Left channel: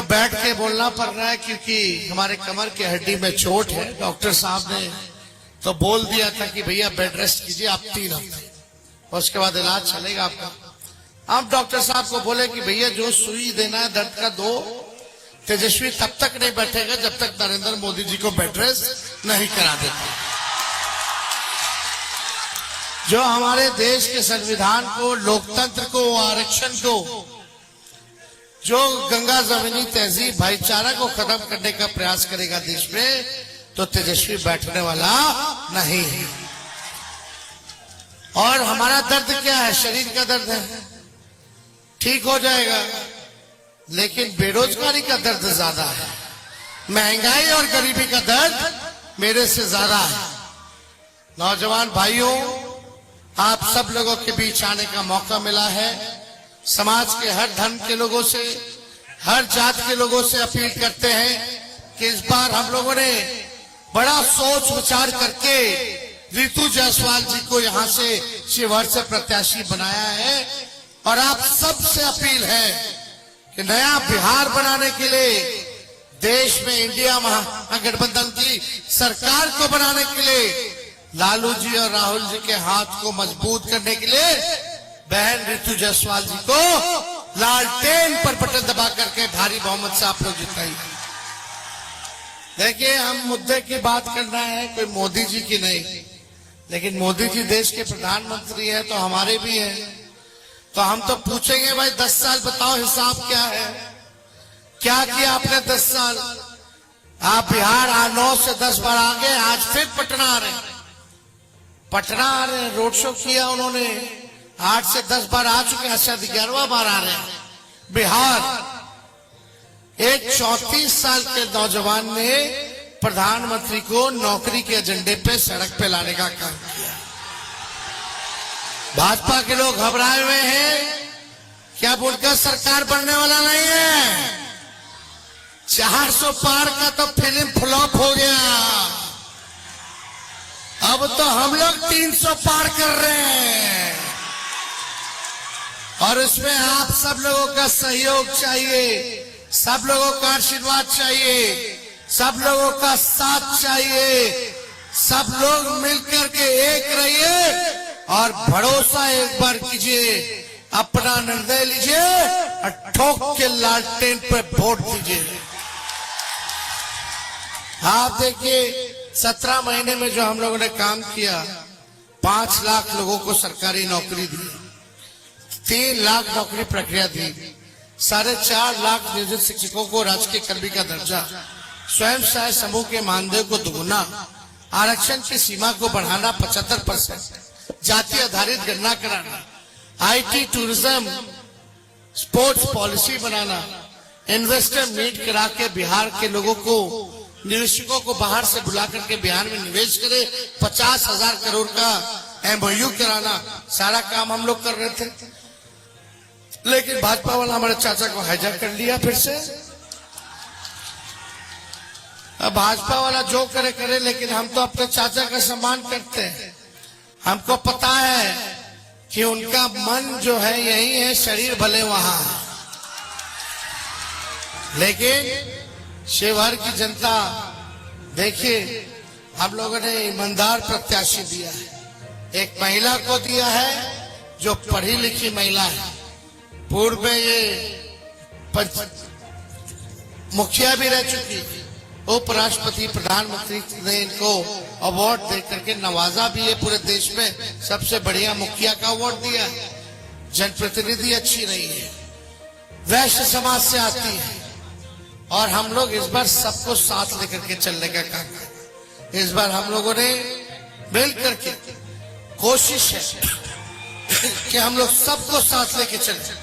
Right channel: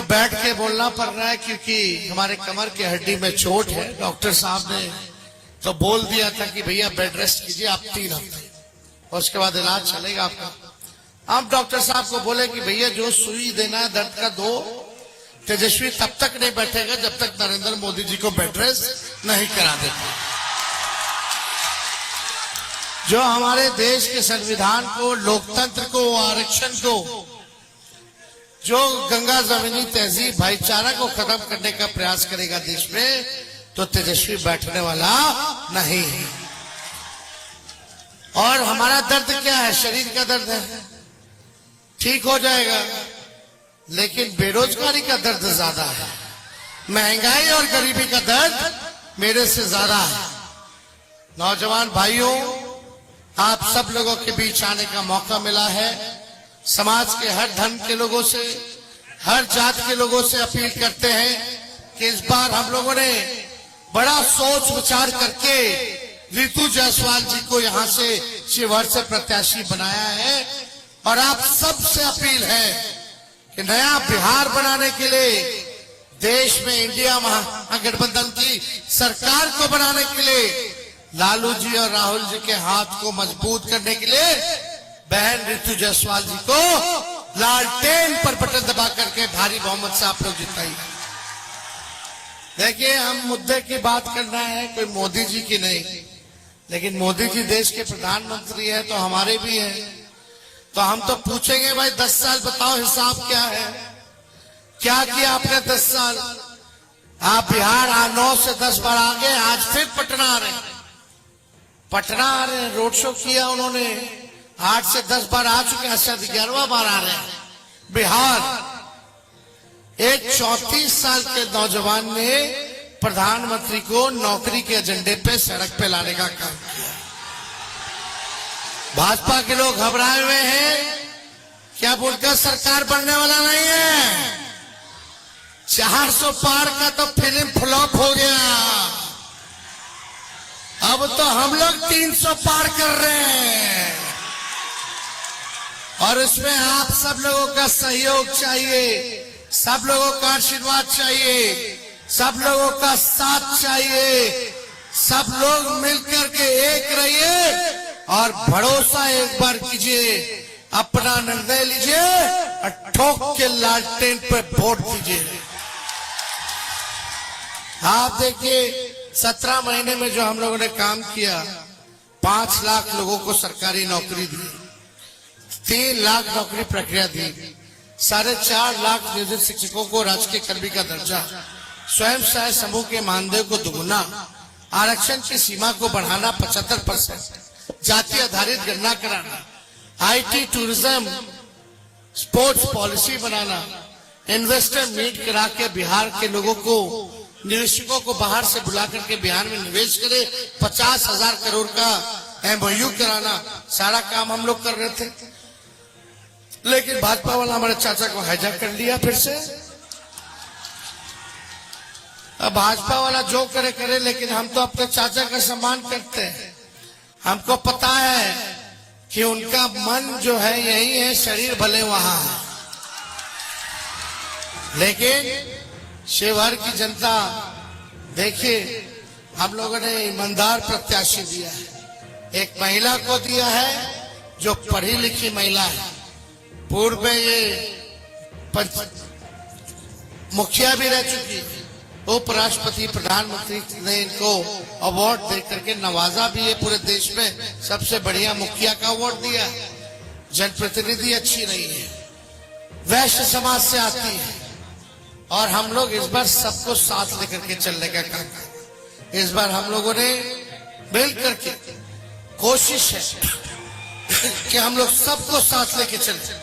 को बैठ के बोलना पड़ रहा है क्योंकि हमारे कमर की हड्डी में चोट है। डॉक्टर साहब ने तो बोल दिया था कि भैया बेड रेस्ट कीजिए आप 3 हफ्ते, उसके बाद इलाज चलेगा आपका। आप डॉक्टर साहब को बोले कि भैया जो सुई देना है दर्द का दो। तेजस्वी तब तक नहीं बैठेगा जब तक नरेंद्र मोदी जी को बेड रेस्ट नहीं करा देता। जो हमारे देश के संविधान को, लोकतंत्र को, आरक्षण को, जो गंगा जमीनी तहजीब भाईचारा को खत्म करने का प्रयास करेगा देश में, तो तेजस्वी बैठने वाला नहीं है। और हमारा दर्द क्या है? शरीर का दर्द है, ठीक हो जाएगा, लेकिन बेरोजगारी का दर्द ज्यादा है, महंगाई और गरीबी का दर्द मेरे से ज्यादा है। नौजवान भाइयों, आप सब लोगों के बीच आने का मौका मिला है। समाज के हर धर्म के लोगों से, हर जाति के लोगों से अपील करते हैं कि इस बार हम लोगों ने बड़ा सोच विचार करके ऋतु जायसवाल जी को यहां से शिवहर से प्रत्याशी बनाया है। और आप सबसे अपील है कि नया बिहार बनाने के लिए, देश में इंडिया महागठबंधन की सरकार को बनाने के लिए, लालू जी और राहुल जी के हाथ को मजबूत करने के लिए बहन ऋतु जायसवाल जी को लालटेन पर बटन दबा करके भारी बहुमत से आप लोग जिताइए। देखिए, हम मुद्दे की बात करना है, कोई मोदी जी की नहीं, लेकिन मोदी जी देश के प्रधानमंत्री हैं तो हमारे भी हैं। तो हम तो पूछेंगे भाई 10 साल बताओ हिसाब क्या है, क्या किया आपने 10 साल? आप बिहार 9 से 10 बार आ गए, आज फिर पटना आ रहे हैं, पटना आ रहे हैं, रोड शो किया उन्होंने, 8 से 10 बार आ चुके, 11वां बार आ रहे हैं। बिहार एक 34 साल के नौजवान ने प्रधानमंत्री को नौकरी के एजेंडे पे सड़क पे लाने का काम किया। भाजपा के लोग घबराए हुए हैं कि अब उनका सरकार बनने वाला नहीं है। 400 पार का तो फिल्म फ्लॉप हो गया, अब तो हम लोग 300 पार कर रहे हैं। और इसमें आप सब लोगों का सहयोग चाहिए, सब लोगों का आशीर्वाद चाहिए, सब लोगों का साथ चाहिए। सब लोग मिलकर के एक रहिए और भरोसा एक बार कीजिए, अपना निर्णय लीजिए और ठोक के लालटेन पे वोट दीजिए। आप देखिए, 17 महीने में जो हम लोगों ने काम किया, 5 लाख लोगों को सरकारी नौकरी दी, 3 लाख नौकरी प्रक्रिया दी, 4.5 लाख नियोजित शिक्षकों को राजकीय कर्मी का दर्जा, स्वयं सहायता समूह के मानदेय को दुगुना, आरक्षण की सीमा को बढ़ाना 75%, जाति आधारित गणना कराना, IT, टूरिज्म, स्पोर्ट्स पॉलिसी बनाना, इन्वेस्टर मीट करा के बिहार के लोगों को, निवेशकों को बाहर से बुला करके बिहार में निवेश करे, 50,000 करोड़ का MOU कराना, सारा काम हम लोग कर रहे थे। लेकिन भाजपा वाला हमारे चाचा को हाईजैक कर लिया फिर से। अब भाजपा वाला जो करे करे, लेकिन हम तो अपने चाचा का सम्मान करते हैं। हमको पता है कि उनका मन जो है यही है, शरीर भले वहां। लेकिन शिवहर की जनता, देखिए, हम लोगों ने ईमानदार प्रत्याशी दिया है, एक महिला को दिया है जो पढ़ी लिखी महिला है। पूर्व में ये मुखिया भी रह चुकी, उपराष्ट्रपति, प्रधानमंत्री ने इनको अवार्ड देकर के नवाजा भी है। पूरे देश में सबसे बढ़िया मुखिया का अवार्ड दिया है। जनप्रतिनिधि अच्छी रही है, वैश्य समाज से आती है, और हम लोग इस बार सबको साथ लेकर के चलने का काम करें। इस बार हम लोगों ने मिलकर के कोशिश है कि हम लोग सबको साथ लेके चले।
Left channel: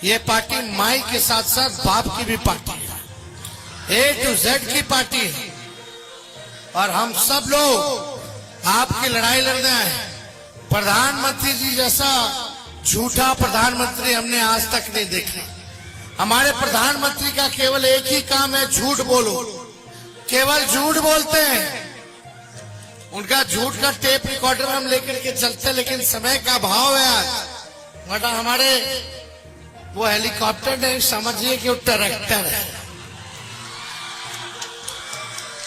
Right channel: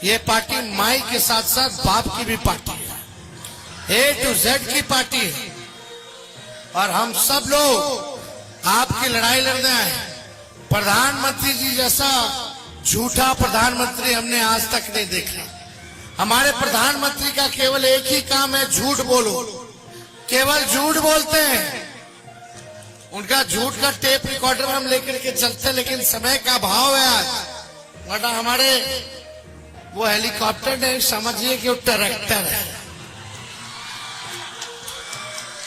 ये पार्टी माई के साथ साथ बाप की भी पार्टी है, A to Z की पार्टी है, और हम सब लोग आपकी लड़ाई लड़ना है। प्रधानमंत्री जी जैसा झूठा प्रधानमंत्री हमने आज तक नहीं देखा। हमारे प्रधानमंत्री का केवल एक ही काम है, झूठ बोलो, केवल झूठ बोलते हैं। उनका झूठ का टेप रिकॉर्डर हम लेकर के चलते, लेकिन समय का भाव है आज, वरना हमारे वो हेलीकॉप्टर नहीं, समझिए कि वो ट्रैक्टर है।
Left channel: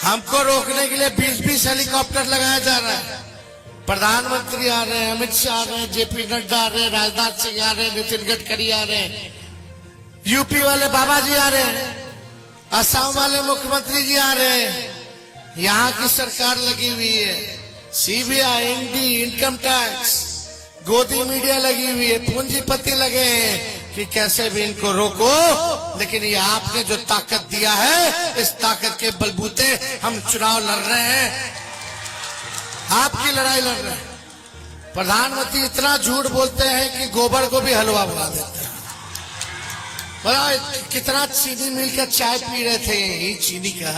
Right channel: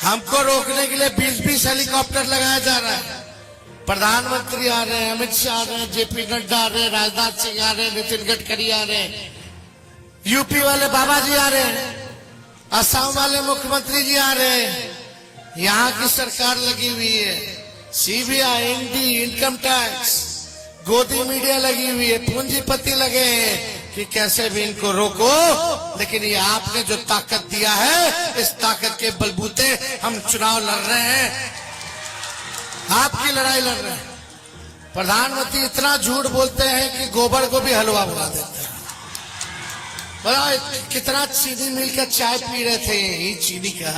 हमको रोकने के लिए 20-20 हेलीकॉप्टर लगाया जा रहा है। प्रधानमंत्री आ रहे हैं, अमित शाह आ रहे हैं, जेपी नड्डा आ रहे हैं, राजनाथ सिंह आ रहे हैं, नितिन गडकरी आ रहे हैं, यूपी वाले बाबा जी आ रहे हैं, असम वाले मुख्यमंत्री जी आ रहे हैं। यहाँ की सरकार लगी हुई है, सीबीआई, ईडी, इनकम टैक्स, गोदी मीडिया लगी हुई है, पूंजीपति लगे हैं कि कैसे भी इनको रोको। लेकिन ये आपने जो ताकत दिया है, इस ताकत के बलबूते हम चुनाव लड़ रहे हैं, आपकी लड़ाई लड़ रहे हैं। प्रधानमंत्री इतना झूठ बोलते हैं कि गोबर को भी हलवा बना देते हैं। बड़ा कितना चीनी मिल कर चाय पी रहे थे, ये चीनी का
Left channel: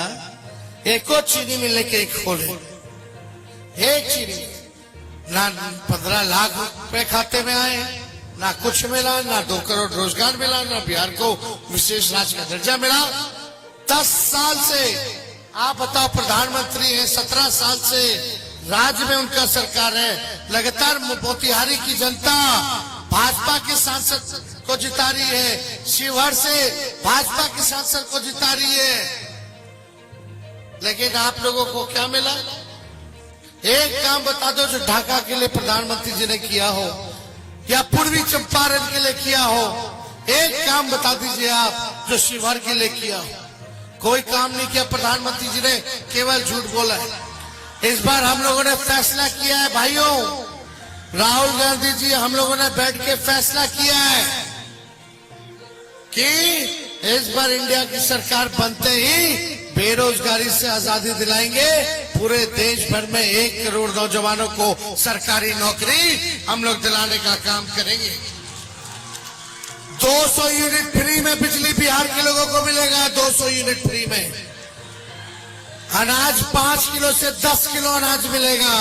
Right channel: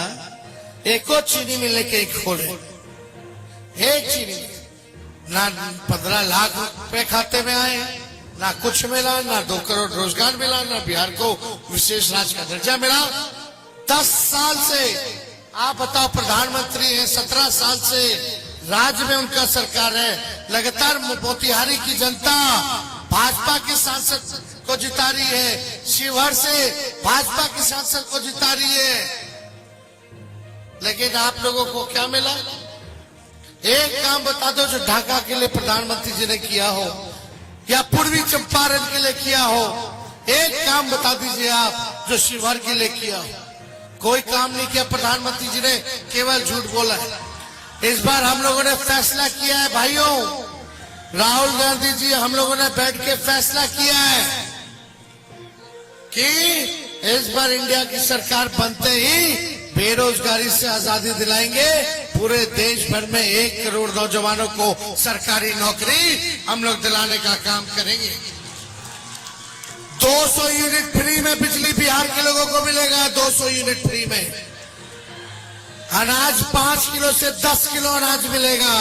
एक और चीनी मिल के एक खोले, एक चीनी ना 15 लाख रुपए खाते में आए, ना कुछ मिला, ना 2 करोड़ रोजगार मिला, ना बिहार को विशेष राज्य का दर्जा मिला। 10 साल से आप बताओ, प्रधानमंत्री है, 17 साल से राज्य में उनका सरकार है, लगातार मोतिहारी की जनता भाजपा के सांसद को जिता रही है, शिवहर से भाजपा के सांसद को जिता रही है। लेकिन आप लोगों को क्या मिला? एक काम बता दो जो ढाका के लिए प्रधानमंत्री जी ने किया हो या पूर्वी चंपारण के लिए किया हो। एक काम बता दीजिए आप जो शिवहर के लिए किया हो। कोई काम नहीं किया प्रधानमंत्री जी ने, केवल झूठ बोला। इस बार हम लोगों ने फैसला किया है भाइयों, राहुल गांधी जी, हम लोगों ने बैठ के फैसला किया है कि इस बार इंडिया की सरकार बनते ही बेरोजगारी से आजादी दिलाएंगे। पूरे देश भर में 1 करोड़ नौजवानों को सरकारी नौकरी हम लोग दिलाने का काम करेंगे। 200 यूनिट फ्री में बिजली बिहार के लोगों को मिलेगा, 200 यूनिट फ्री में। अनाज 5 किलो से 10 किलो अनाज मिलेगा।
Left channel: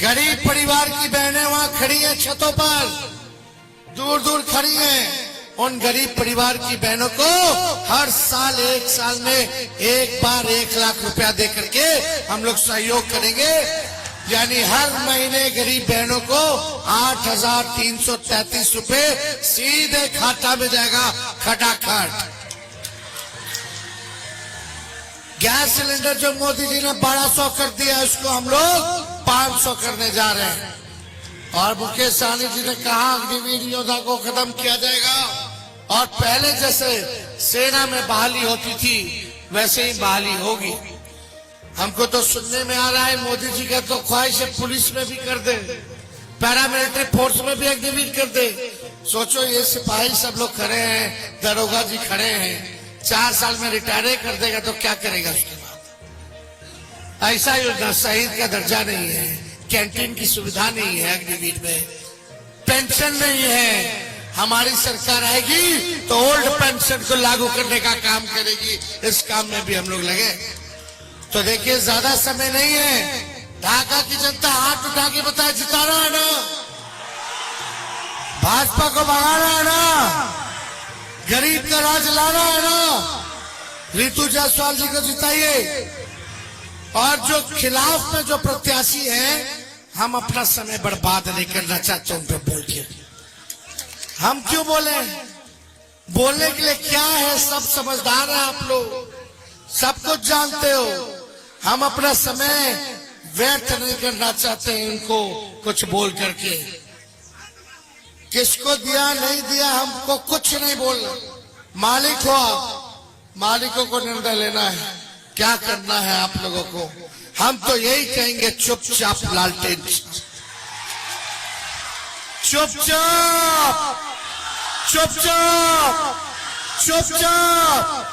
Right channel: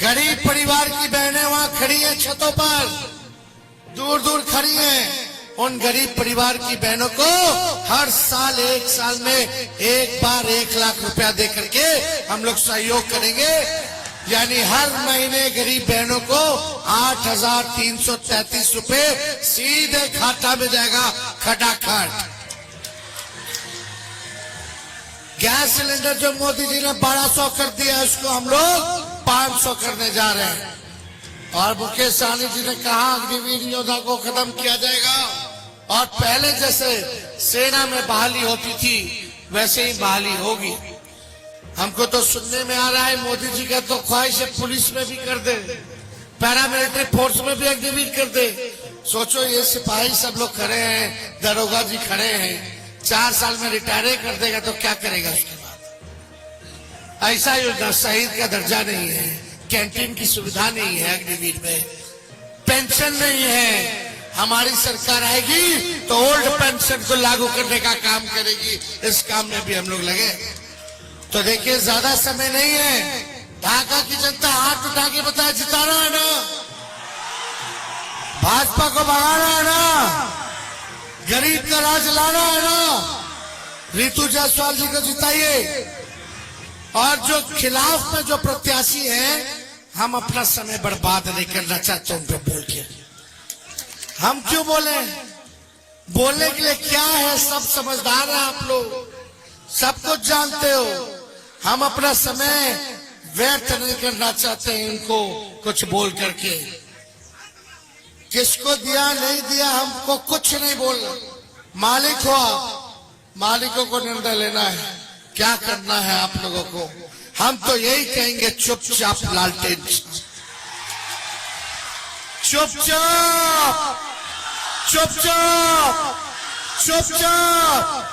गरीब परिवार की बहनें वहां खड़ी हैं, छतों पर दूर दूर खड़ी हैं। उन गरीब परिवार की बहनों को हर साल 1 साल में एक बार 1 लाख रुपया दे करके हम लोग सहयोग करेंगे। यानी हर महीने गरीब बहनों को 8,333 रुपए सीधे खाता में जाएगा, खटाखट। गैस सिलेंडर जो मोदी जी ने 1200 कर दिया, उसको हम लोग 500 करने जा रहे हैं। और मुकेश सहनी जी ने कहा अग्निवीर योजना को खत्म किया जाएगा और पहले जैसे सेना में बहाली होती थी वैसे ही बहाली होगी। हमको तो सुनने में आ रहा है मोदी जी का तो ख्वाहिश है पुलिस में भी कर दे, पैरामिलिट्री फोर्स में भी अग्निवीर कर दे। सोचो ये सिपाही सब लोग खड़े हैं, दरोगा जी खड़े हैं, 4 साल में रिटायर कर देगा तो क्या करेगा उसके बाद? ऐसा योजना, शहीद का दर्जा नहीं है, कैंटीन की सुविधा नहीं है, अग्निवीर में पेंशन नहीं है। हमारी सरकार आएगी तो ओल्ड पेंशन को लागू करने का काम करेगी। इस काम में भी हम लोग लगे। तो देखिए ज्यादा समय नहीं है। ढाका की जनता हाथ उठा के बताए, जिताना है ना, भाजपा को भगाना है ना, गरीब का राज लाना है ना। रितु जायसवाल जी को जिताइए। और जो खिलाफ में जो प्रत्याशी है, हम अपना समय बर्बाद नहीं करना चाहते उन पर बोल के। हम क्यों बोले? बोलने के लिए क्या है, सब समझदार है आप लोग, सब कुछ जानते हो। हम अपना समय व्यर्थ नहीं करना चाहते हैं इनको कुछ बोल करके। किसको दिया नहीं दिया हमको कुछ नहीं बोलना। मालिक हो आप, मालिकों को निर्णय लेना है, क्या करना है आप लोगों को। हम तो यही कहेंगे, चुपचाप लालटेन, चुपचाप चुपचाप चुपचाप